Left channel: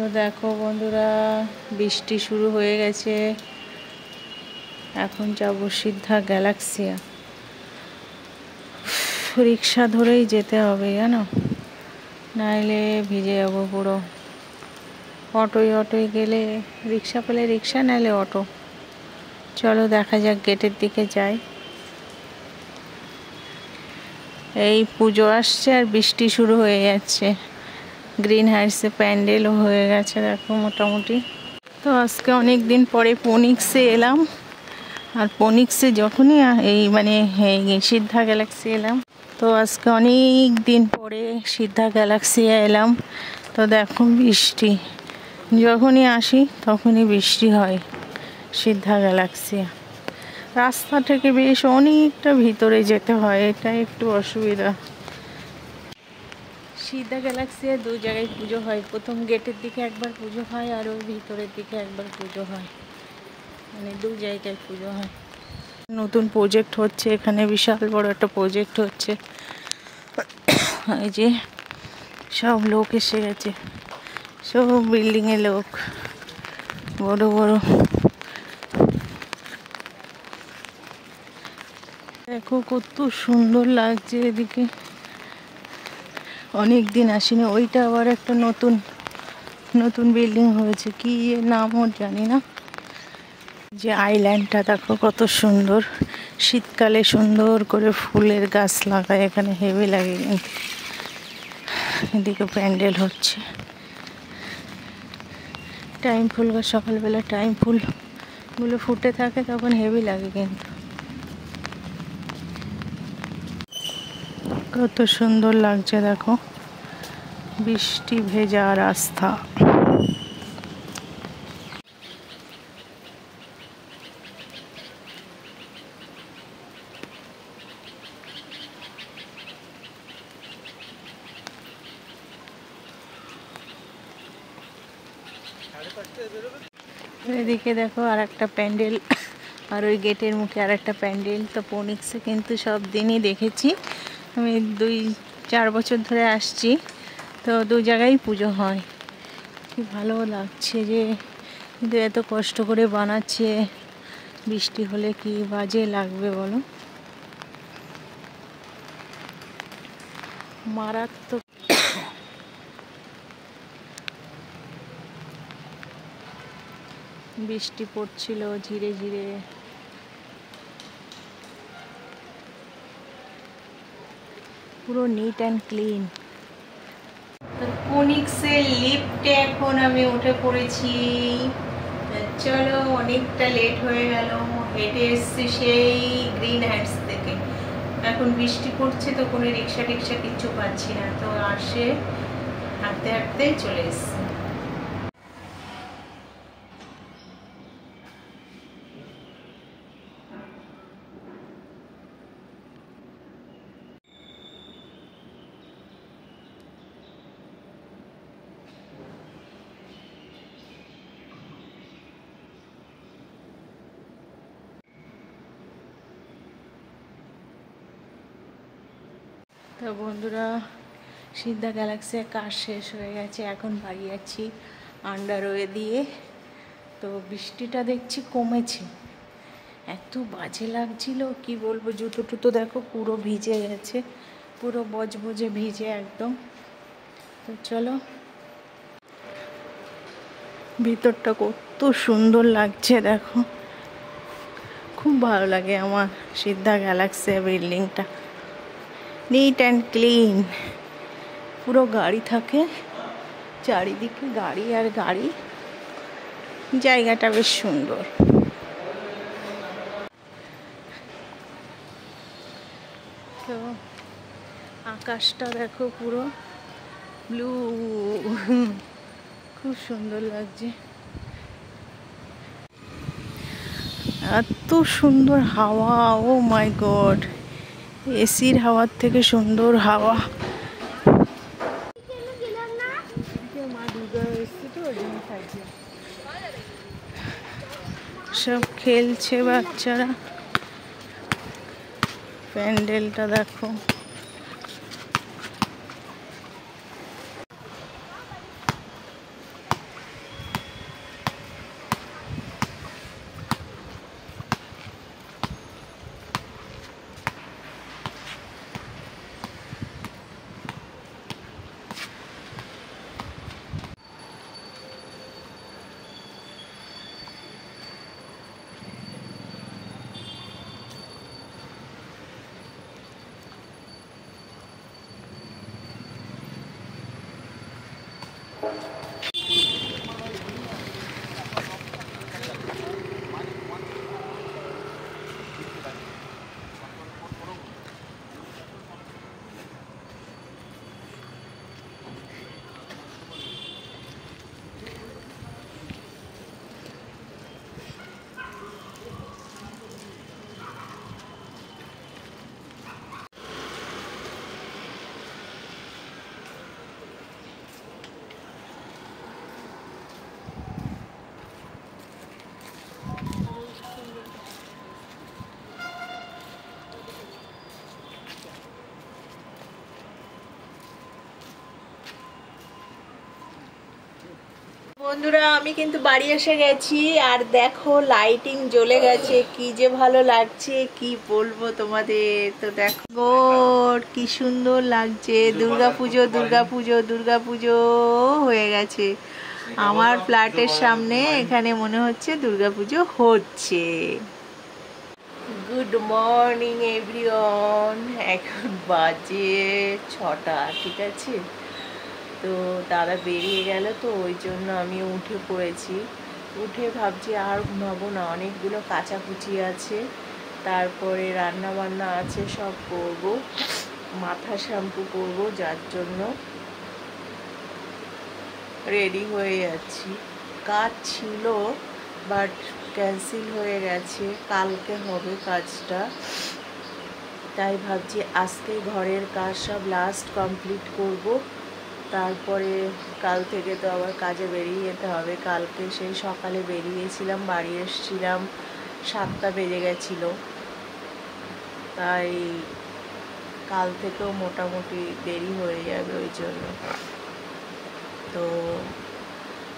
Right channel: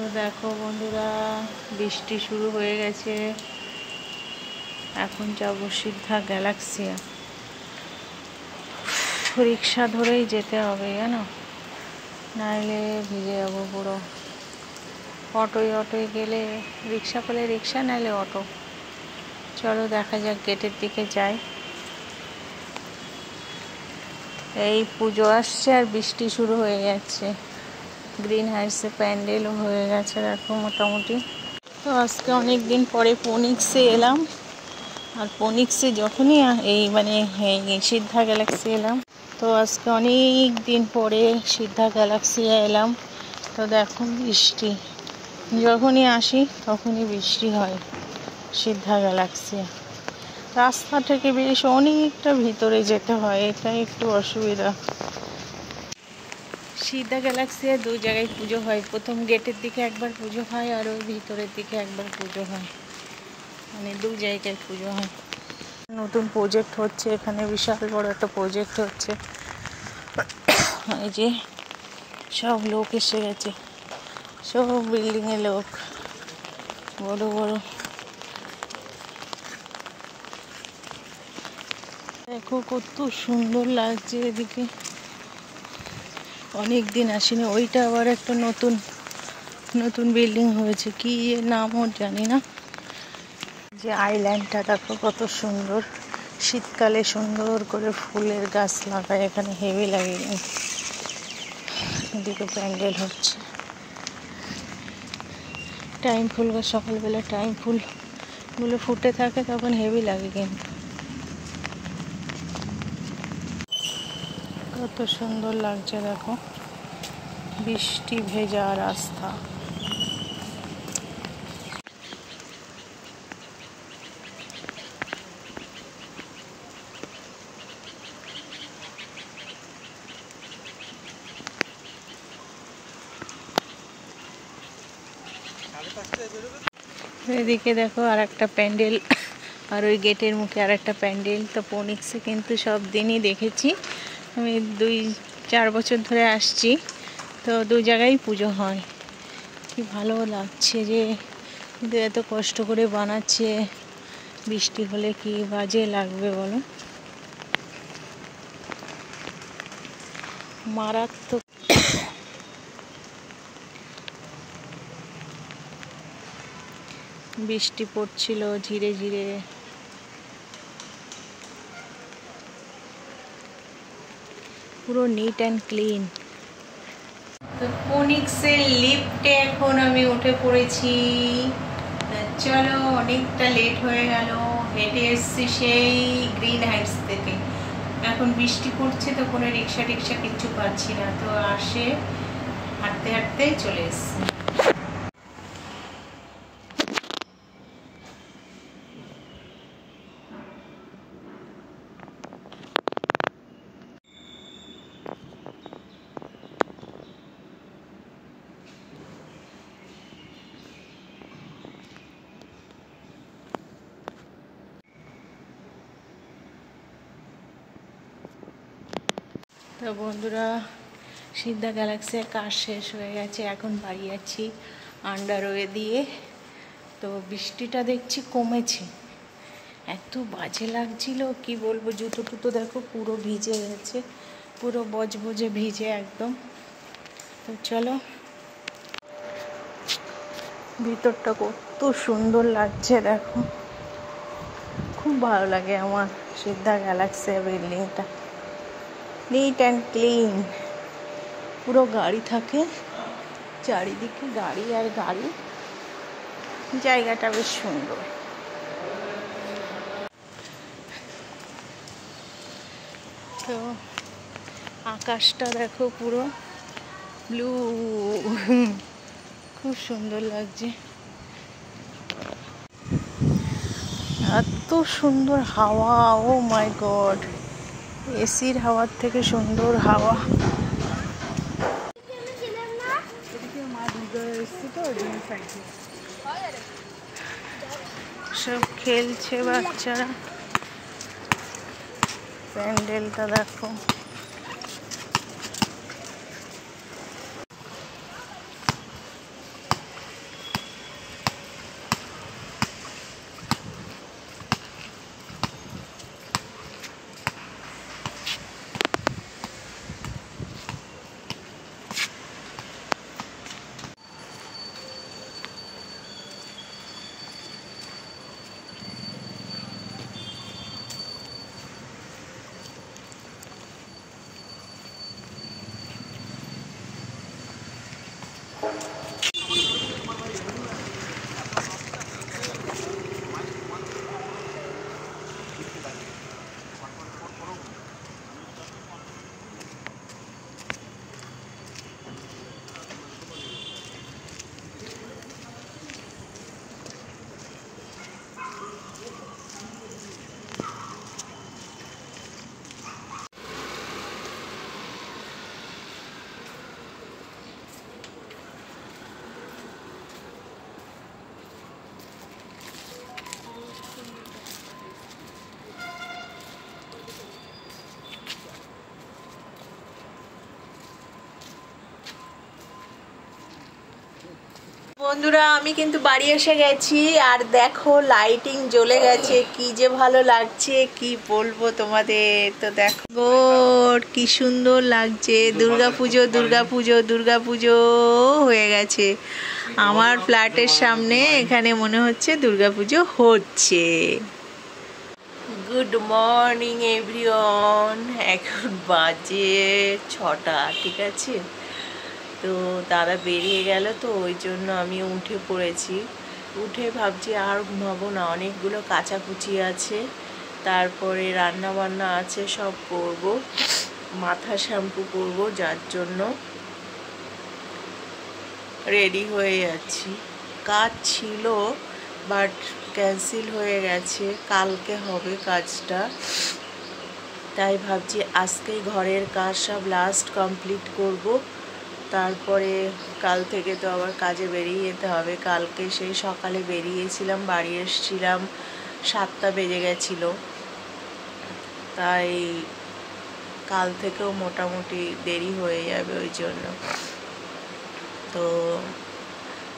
তো দেখো বন্ধুরা, বৃষ্টি শুরু হয়ে গেছে। এখন যাবো সিদ্ধা গ্যালাক্সিয়া। রিক্সা ধরেই যেতে হবে জানো, নাইলে ভিজে যাবো পুরো। অটোয় গেলে, রিক্সা পেলে রিক্সা, নাইলে অটো। চলো দেখা যাক, গেটের দিকে যাই। এই পুজো আসছে আর বৃষ্টি শুরু হয়ে যাচ্ছে। গ্রিন হাইটসে প্যান্ডেলও হয়ে গেছে দেখো মোটামুটি। তো আজকে অনেক দিন পরে ফোনিক্সে এলাম। আর ফোনিক্সে যখনই এই সিদ্ধা গ্যালাক্সি এলাম, তো আজকে অনেক দিন পরে সিদ্ধা গ্যালাক্সি এলাম। তো দেখো বৃষ্টি, যখনই আসি তখনই বৃষ্টি হয়। সিদ্ধা গ্যালাক্সি রাস্তা থেকে বেশ অনেকটা ভিতরে যেতে হয়, এটা একটু অসুবিধা। সিদ্ধা গ্যালাক্সিয়া দু জায়গায় পুজো হয়, প্রথম গেটের দিকে একবার পুজো হয় আর ওই ভিতরের দিকে একবার পুজো হয়, মানে দু জায়গায় পুজো হয়। নতুন প্রজেক্ট হচ্ছে এখানে, বিশাল বড় একটা প্রজেক্ট হচ্ছে। এই যে সব লোক এসে গেছে, সব বিল্ডিংয়ে লোক, বড় বড়। দেখো কত সুন্দর লাগছে এদিকে, অনেক দিন আসিনি। ওইটা আবার একটা নতুন বিল্ডিং হয়েছে, কি নাম ওর জানি না। যে আইল্যান্ডটা দেখো কত সুন্দর, শীতকালে সুন্দর করে ফুলের গাছ লাগায় এখানে, হেভি লাগে। এদিকে প্যান্ডেল হচ্ছে, টাইম ফুল গাছ, সকালবেলা টাইম ফুলগুলো ফুটে থাকে, তখন হেভি লাগে। কিন্তু কত সুন্দর লাগছে দেখো, বৃষ্টি ভেজা রাস্তা। এদিকে দেখো আর একটা প্যান্ডেল, আর ওই গেটের মুখে আর একটা প্যান্ডেল। তো ফোনিক্সে কিন্তু সব দিনই দেখেছি, আমি 2-4 বছর ধরে আসছি। তো দু জায়গায় পুজো হয়, কি ভালো লাগছে যে কিন্তু এত কষ্ট করে বানাচ্ছে, বৃষ্টি হলে কি বাজে লাগবে বলো, মারাত্মক। বৃষ্টি পড়ছিল ধীরে ধীরে। পুরো নিট অ্যান্ড ক্লিন। তো ফোনিক্সের লিফটে এখন আমি উঠে পড়েছি। চলো, অনেকটা লেট হয়ে গেল, হেঁটে এসছি সেই গ্রিন হাইটস থেকে। এখন বৃষ্টি পড়ছে তো কোনো রিক্সা টিক্সা কিচ্ছু পাচ্ছি না, তো আসে হাঁটতে হাঁটতেই চলে এসছি। তো বন্ধুরা, সিদ্ধা গ্যালাক্সির কাজ শেষ হয়ে গেছে, এখন বাড়ি যাচ্ছি আন্ডারওয়ে দিয়ে। তো বৃষ্টিটা দেখছি কমেছে, এত বাজে লাগছিল কি বলবো। জুতো টুতো দেখো পুরো ভিজে গেছে, পুরো বজবজে ভিজে একদম। তো চলো, ভিতরটা কত সুন্দর লাগছে দেখো, খুব ভালো লাগে আমার সিদ্ধা গ্যালাক্সি বিল্ডিংটা। নিট অ্যান্ড ক্লিন, পুরো গাড়ি থাকে চারিদিকে, গাড়ি আর গাড়ি, জায়গাটা বেশ সুন্দর। তো আকাশটা দেখো পুরো ব্লু, খুব সুন্দর লাগছে। এত সুন্দর হাওয়া, ও মাই গড, এসির হাওয়ার থেকে সুন্দর হাওয়া। সব খেলছে বাচ্চারা, প্যান্ডেলটা দেখো। বন্ধুরা আমি কিন্তু বাড়ি এসে গেছি আর দেখো লাইটিং জ্বলে গেছে, কি যে ভালো লাগছে কি বলবো তোমাদের। তো দেখো কি সুন্দর লাগছে, দুর্গাপুজো দুর্গাপুজো দুর্গাপুজো হয়ে গেছে আমার ফ্ল্যাটের সামনে। এখানে মনে হচ্ছে দুর্গাপুজো হচ্ছে। গুড মর্নিং এভরিওয়ান, এখন বাজে 6টা, ঠিক আছে। তো দাদা বেরিয়ে গেল, তো ওই জন্য আমি উঠে পড়েছি। উঠে ভাবছি আর ঘুমাবো না, অনেকগুলো কাচাকুচি আছে, তারপরে রান্না বান্না আছে, সব করব, মাথা শ্যাম্পু করব, যার জন্য রেডি হয়ে যাচ্ছি। কাজ ছিল বাট ক্যান্সেল হয়ে গেছে, কালকে হবে কাজটা। তাই ভাবছি আজকেই ঘরের কাজ সব লাস্ট কমপ্লিট করব, তারপরে কাল থেকে তো আবার কাজে বেরিয়ে যেতে হবে। কালকে সেই সকালে বেরিয়েছিলাম, বাড়ি এসেছিলাম 7টা বেজে গেছিলো, তাই কাল থেকেও মোটামুটি দেরি হয়ে যাবে। ওই জন্য তো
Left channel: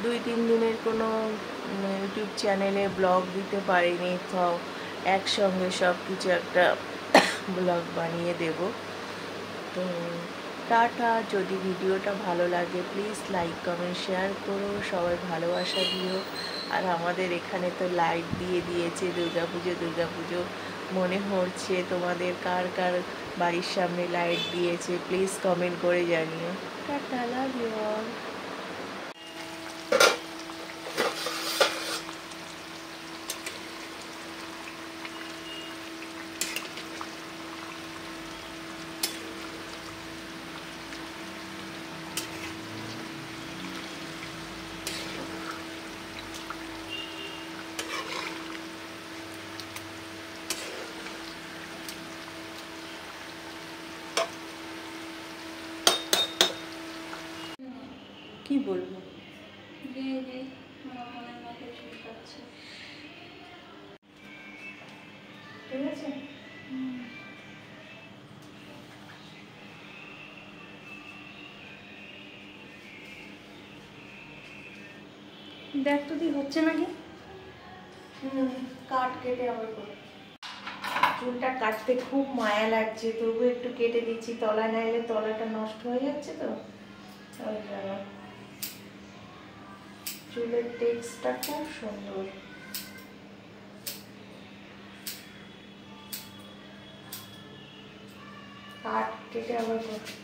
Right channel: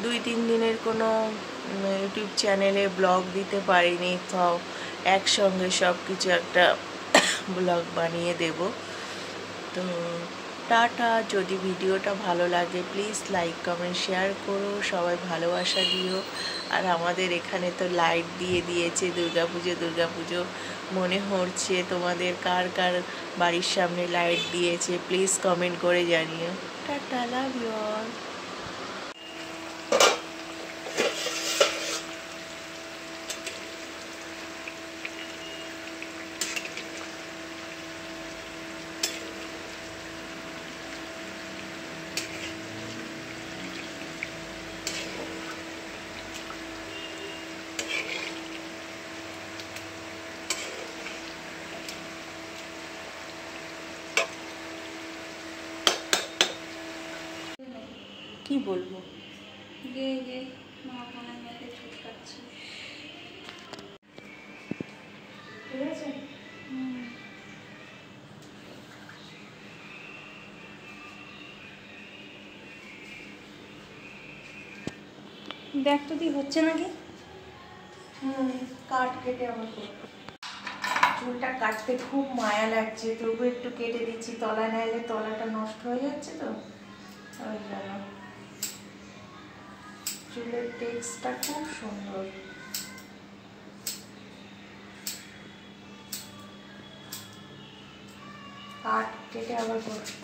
2-3 দিনের কোনো ইউটিউব চ্যানেলে ব্লগ দিতে পারিনি, তো একসঙ্গে সব কিছু একটা ব্লগ বানিয়ে দেব। তো টাটা। যদি ভিডিওটা ভালো লাগে প্লিজ লাইক কমেন্ট শেয়ার করো, সবাই ভালোবাসা দিও। আর আমাদের এখানে তো লাইট দিয়ে দিয়েছে, দুর্গাপুজো দুর্গাপুজো মনে হচ্ছে। তোমাদের কার কার বাড়ির সামনে লাইট দিয়েছে প্লিজ কমেন্ট করে জানিও। Tata, love you all. কি বলবো, ঠিক আছে। দেখ তো দি হচ্ছে নাকি। কাট কেটে আবার করবো। চুলটা কাটতে খুব মায়া লাগছে, তবু একটু কেটে দিচ্ছি, তলা নাইলে তলাটা নষ্ট হয়ে যাচ্ছে। তো ওই জন্য চুলের টেক্সটা খুব সুন্দর। কাট কেটে আবার করবো।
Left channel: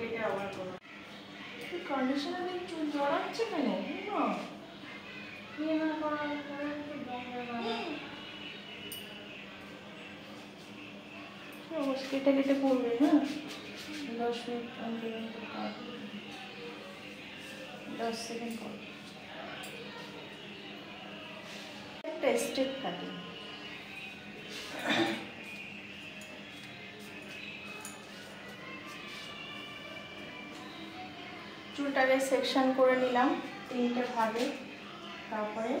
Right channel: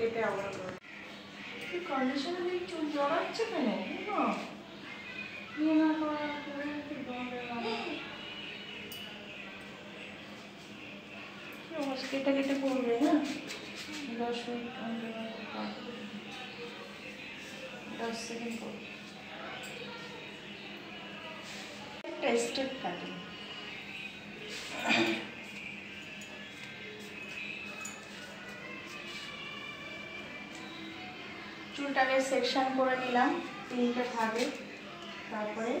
কেটে আবার করো। কন্ডিশনার দিয়ে চুল জড়াচ্ছে কেন? কেটে কেটে করবে না, 10 মিনিট 10 সেকেন্ড করবে। Tested cutting. চুলটাকে সেকশন করে নিলাম 3টে ভাগে, তারপরে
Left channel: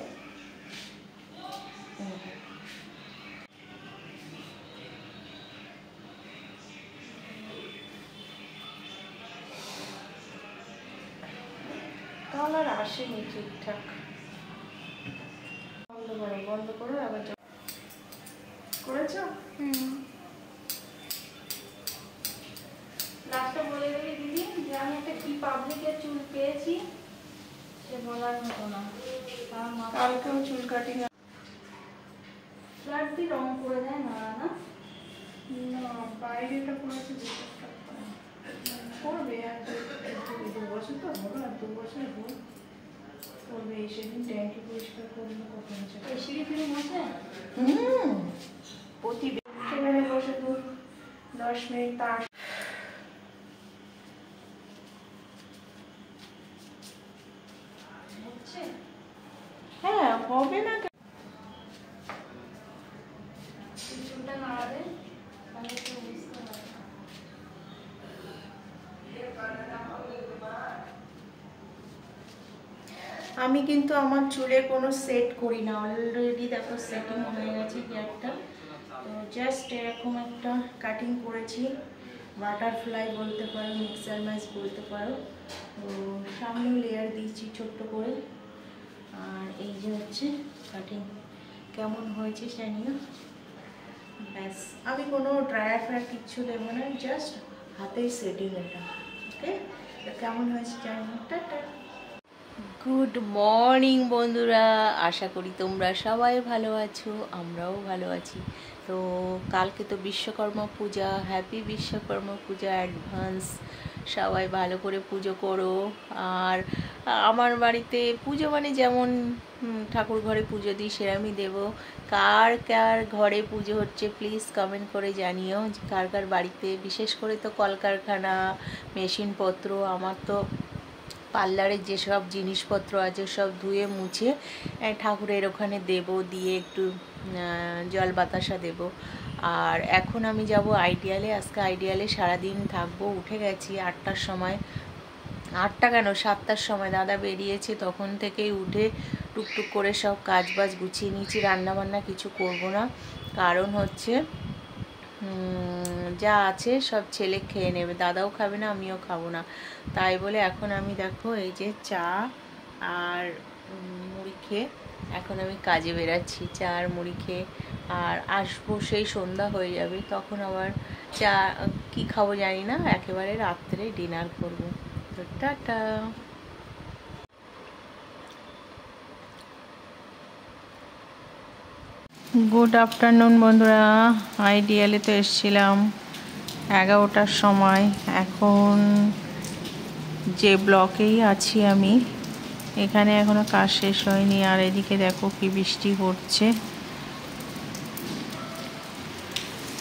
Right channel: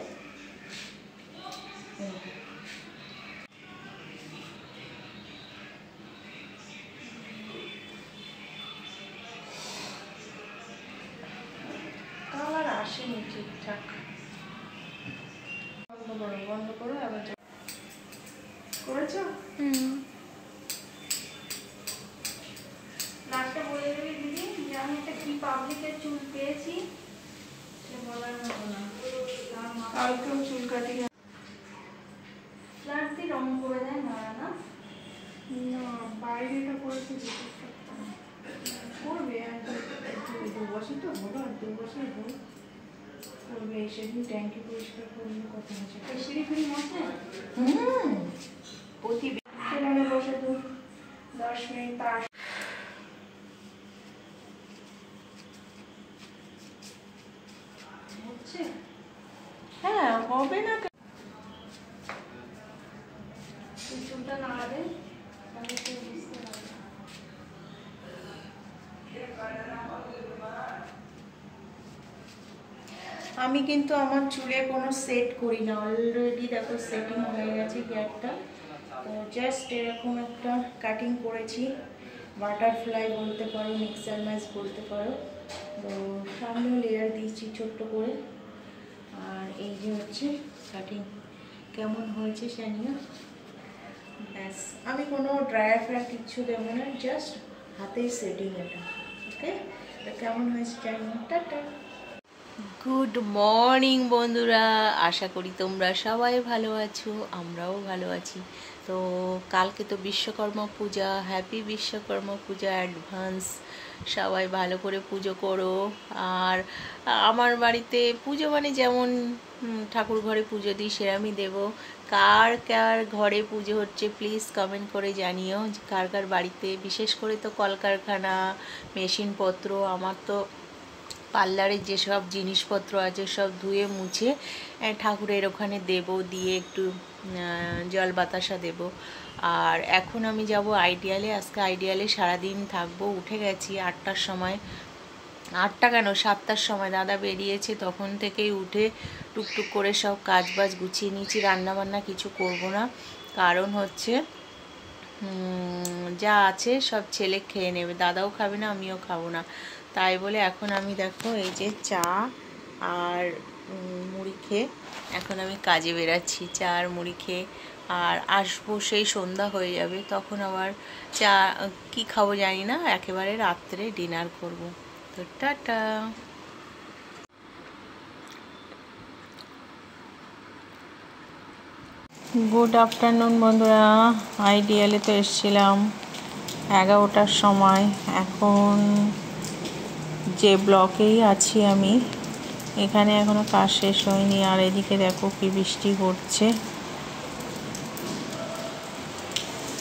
কালার আসেনি ঠিকঠাক। বন্ধ করো আবার করেছো। লাস্টে বলে দেবে দিদি যে আমি একটা কি পাবলিকের চুল পেয়েছি, সে বলার মতো না। কালকেও চুল কাটি ফ্ল্যাট দিয়ে রং করে দেয় না, না বাইরেটা করেছি করবে 2 বছর বছর তো হলো, আর 2 বছর হলো তবে সেদিন ট্যাঙ্কি পরিষ্কার করলো কত মাসে সিঁড়ি ফিড়ি মশে প্রতি বসে 10 মিনিট তার হচ্ছে। হ্যাঁ হবে না। চুলটা নাড়াবে তাহলে তো বুঝতে হবে। আমি কিন্তু আমার চুলে কোনো সেট করি না, অলরেডি দেখো সেটিং হয়ে গেছে হেয়ারটা। তো জাস্ট এরকম একটা কাটিং করেছি, বাটারফ্লাই বলতে পারো, মিক্সার ম্যাচ বলতে পারো। তো সামনেও লেয়ার দিয়েছি ছোট্ট করে। আর এই যে হচ্ছে কাটিং, কেমন হয়েছে জানিও। ব্যাস, আমি কোনো ড্রায়ার ফ্রায়ার কিচ্ছু দেবো না, জাস্ট হাতেই সেটিং এটা। ওকে, কেমন হয়েছে জানিও। টাটা। গুড মর্নিং বন্ধুরা, আশা করি তোমরা সবাই ভালো আছো, আমরাও ভালো আছি। তো কালকে তো বিশ্বকর্মা পূজা, হ্যাপি বিশ্বকর্মা পূজা অ্যাডভান্স। সবাই ভালো করে পুজো করো। আর আমার বাড়িতে পুজো মানে যেমন ঠাকুর ঘরে পুজো দিই সেরকমই দেবো। কার কার ঘরে পুজো হচ্ছে প্লিজ কমেন্ট করে জানিও, যে কার কার বাড়িতে। বিশেষ করে তো কলকারখানা, মেশিনপত্র, আমার তো পার্লারের যেসব জিনিসপত্র আছে সব ধুয়ে মুছে ঠাকুরের ওখানে দেব, দিয়ে একটু জল বাতাসা দেব। আর এখন আমি যাব আইডিয়ালে। আজকে আইডিয়ালে সারাদিন থাকবো। উঠে গেছি 8টার সময়, 8টা কেন 7টার সময় দাদা বেরিয়েছে, তখন থেকেই উঠে টুকটুক করে সব কাজ বাজ গুছিয়ে নিয়েছি। রান্নাবান্না কিছু করব না, কারণ হচ্ছে যা আছে সব ছেলে খেয়ে নেবে, দাদাও খাবে না, আমিও খাবো না। তাই বলে এখন আমি দেখো এই যে চা আর মুড়ি খেয়ে এখন আমি কাজে বেরাচ্ছি। চা আর মুড়ি খেয়ে আর আসবো, সেই সন্ধ্যা হয়ে যাবে, তখন আবার চা কি খাবো জানি না, একেবারে রাত্রে ডিনার করব। তো টাটা। গুড আফটারনুন বন্ধুরা। আইডিয়ালে তো এসেছিলাম 11টার সময়। এখন যে ব্লকেই আছি আমি, এখানে এখনো কাজ শেষ হয়নি। আর এদিকে দেখো কি বৃষ্টি পড়ছে।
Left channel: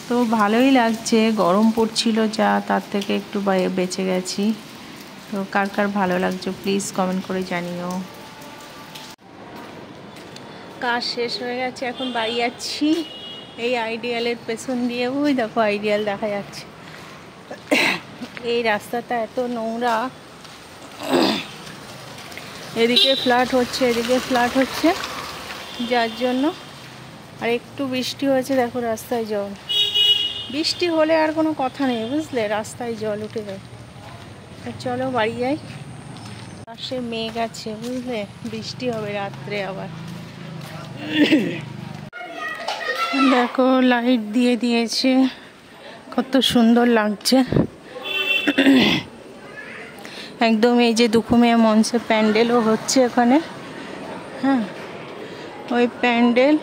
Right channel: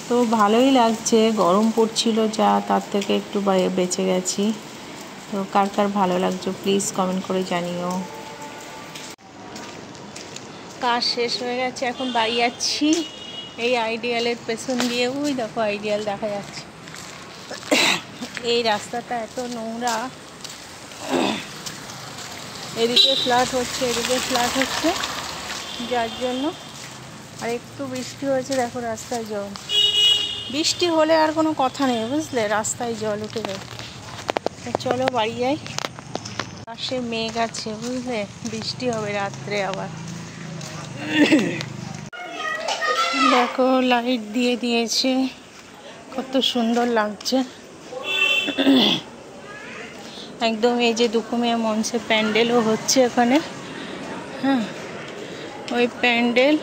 তো ভালোই লাগছে, গরম পড়ছিল যা, তার থেকে একটু বেঁচে গেছি। তো কার কার ভালো লাগছে প্লিজ কমেন্ট করে জানিও। কাজ শেষ হয়ে গেছে, এখন বাড়ি যাচ্ছি এই আইডিয়ালের পেছন দিয়ে। ওই দেখো আইডিয়াল দেখা যাচ্ছে। এই রাস্তাটা এত নোংরা, এদিকে ফ্ল্যাট হচ্ছে, এদিকে ফ্ল্যাট হচ্ছে, যার জন্য। আর একটু বৃষ্টি হয়েছে, দেখো রাস্তায় জল। বৃষ্টি হলে আর কোনো কথা নেই, বুঝলে, রাস্তায় জল উঠে যায়। চলো বাড়ি যাই। পাশে মেঘ আছে, বুঝলে, বৃষ্টি হবে রাত্রে আবার। দেখো লাইট দিয়ে দিয়েছে, কত সুন্দর লাগছে একদম। এই যে দুখুমিয়া মঞ্চে প্যান্ডেলও হচ্ছে ওখানে, হ্যাঁ, ওই প্যান্ডেল।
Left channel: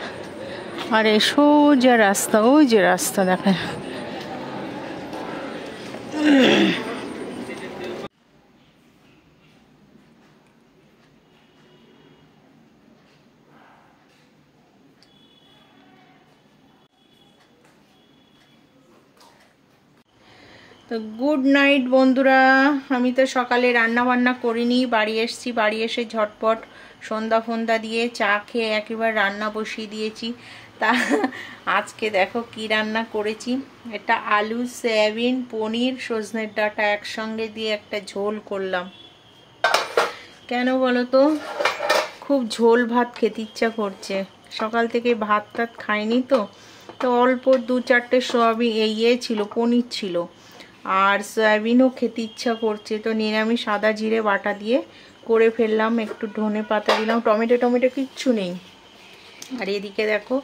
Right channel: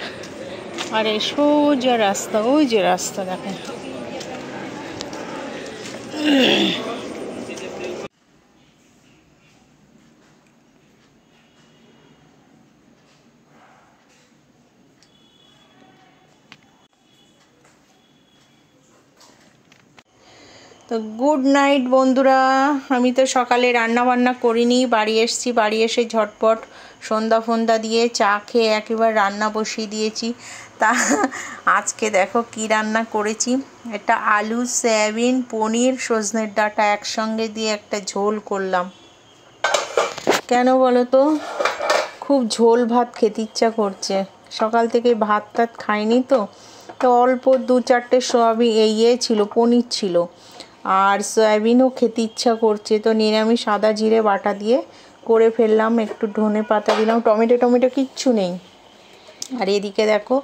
আর এই সোজা রাস্তা, ওই যে রাস্তা দেখা। তো গুড নাইট বন্ধুরা। আমি তো সকালে রান্না বান্না করিনি, বাড়ি এসেছি। বাড়ি এসে ঝটপট সন্ধ্যা ফন্দা দিয়ে চা খেয়ে একেবারে রান্না বসিয়ে দিয়েছি। তা আজকে দেখো কি রান্না করেছি। এটা আলু, সয়াবিন, পনির, সজনের ডাঁটা একসঙ্গে দিয়ে একটা ঝোল করলাম। কেন বলো তো, খুব ঝোল ভাত খেতে ইচ্ছা করছে। সকাল থেকে ভাত টাত খাইনি তো। তো অল্প 2-4টে সয়াবিন ছিল, পনির ছিল, আর সয়াবিনও খেতে ইচ্ছা করছে। তো নিরামিষ আদা জিরে বাটা দিয়ে করে ফেললাম। একটু ধনে পাতা দিলাম, টমেটো কিচ্ছু নেই। আর এদিকে দেখো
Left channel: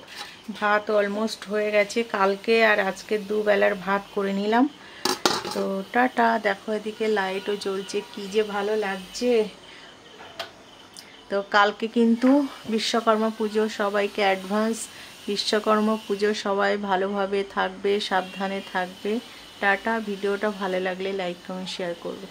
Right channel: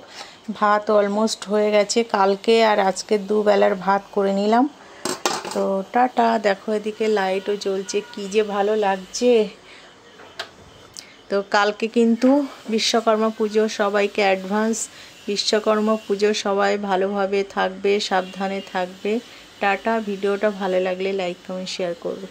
ভাত অলমোস্ট হয়ে গেছে, কালকে আর আজকে দুবেলার ভাত করে নিলাম। তো টাটা। দেখো এদিকে লাইটও জ্বলছে, কি যে ভালো লাগছে। তো কালকে কিন্তু বিশ্বকর্মা পুজো, সবাইকে অ্যাডভান্স বিশ্বকর্মা পুজো। সবাই ভালোভাবে থাকবে, সাবধানে থাকবে। টাটা। ভিডিওটা ভালো লাগলে লাইক কমেন্ট শেয়ার করবে।